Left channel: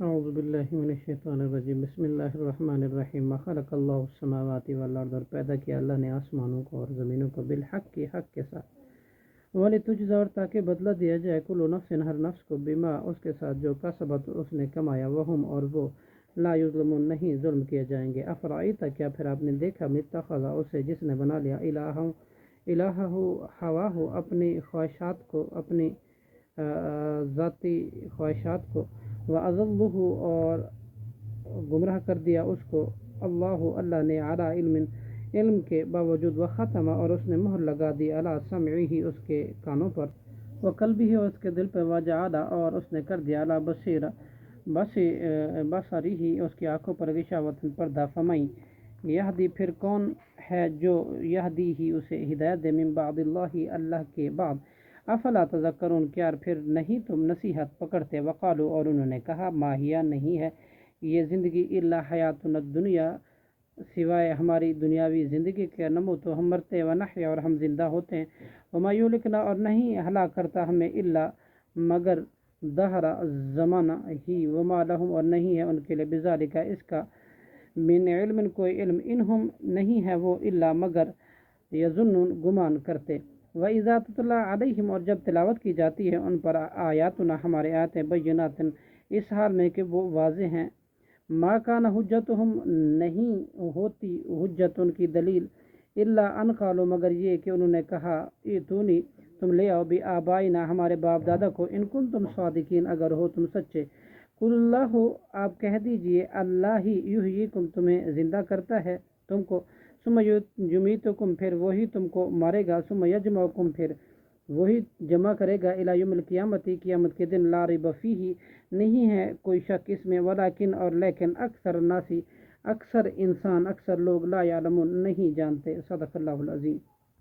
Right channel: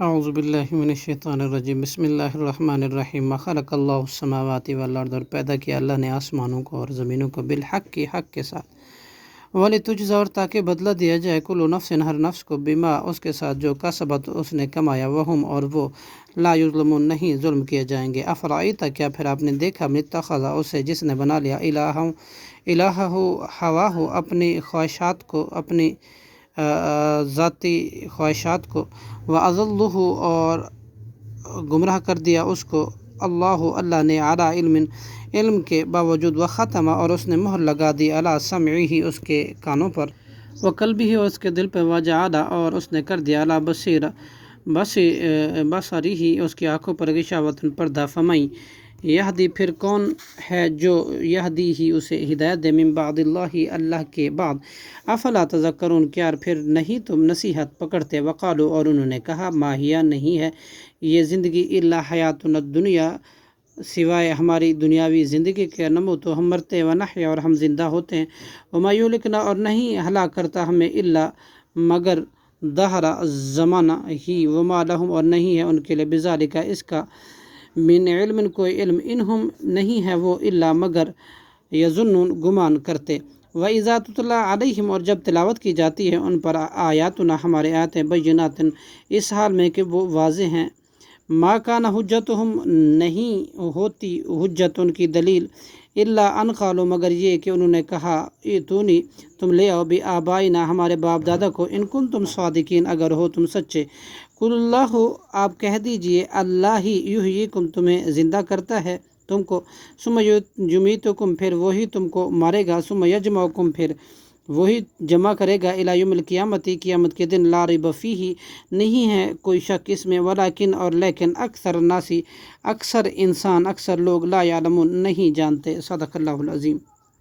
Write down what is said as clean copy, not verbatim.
اعوذ باللہ من الشیطان الرجیم بسم اللہ الرحمن الرحیم خلق اللہ السماوات والارض، اور پیدا کیا اللہ نے آسمانوں کو اور زمینوں کو بالحق کی حق کے ساتھ، وَلِتُجْزَىٰ، اور تاکہ بدلہ دیا جائے کل نفس ہر نفس کو بما اس کے ساتھ جو کسبت اس نے کمایا، وہم اور وہ لا یظلمون نہیں ظلم کیے جائیں گے۔ افرأیت، کیا پھر آپ نے دیکھا، من اتخذ اسے جس نے بنا لیا الہہ ہواہ اپنی خواہشات کو، اپنی ذاتی خواہشات کو، وَأَضَلَّهُ اور گمراہ کر دیا اس کو اللہ نے علی علم کے باوجود، وختم اور اس نے مہر لگا دی علی سمعہ اس کے کانوں پر، وقلبہ اور اس کے دل پہ، وجعل اور اس نے کر دیا علی بصرہ اس کی آنکھوں پر، غشاوۃ پردہ، فمن یہدی پھر کون ہے جو یہدی ہی اسے ہدایت دے، من بعد اللہ کے بعد، افلا تذکرون کیا پھر نہیں تم نصیحت پکڑتے، وقالو اور انہوں نے کہا، ما ہی نہیں ہے یہ زندگی، الا حیاتنا الدنیا سوائے ہماری دنیاوی زندگی کے، نموت ہم مرتے، ونحیا اور ہم زندہ ہوتے ہیں، وما یہلکنا اور نہیں ہلاک کرتا ہمیں، الا مگر دہر زمانہ ہی، وما لہم اور نہیں ہے ان کے لیے، بذالک اس کا، من علم کوئی علم، انہم نہیں ہے وہ، الا مگر یظنون گمان کرتے۔ وَإِذَا تُتْلَىٰ عَلَيْهِمْ اور جب تلاوت کی جاتی ہے ان پر، آیاتنا ہمارے آیاتیں، بینات اس حال میں کہ وہ واضح ہیں، ما کان حجتہم نہیں ہوتی حجت ان کی دلیل، الا ان قالوا مگر یہ کہ انہوں نے کہا، ایتونی تم لے آؤ، بآبائنا ہمارے باپ دادا کو، ان کنتم صادقین اگر ہو تم سچے، قل اللہ آپ کہہ دیجئے، اللہ ہی یحییکم تمہیں زندہ کرتا ہے تم کو، ثم یمیتکم پھر وہی تم کو مارے گا، ثم یجمعکم پھر وہی جمع کرے گا، الی یوم القیامت قیامت کے دن، لا ریب فیہ نہیں ہے کوئی شک اس میں، ولکن اور لیکن اکثر الناس اکثر انسان اکثر لوگ، لا یعلمون نہیں جانتے۔ صدق اللہ العظیم۔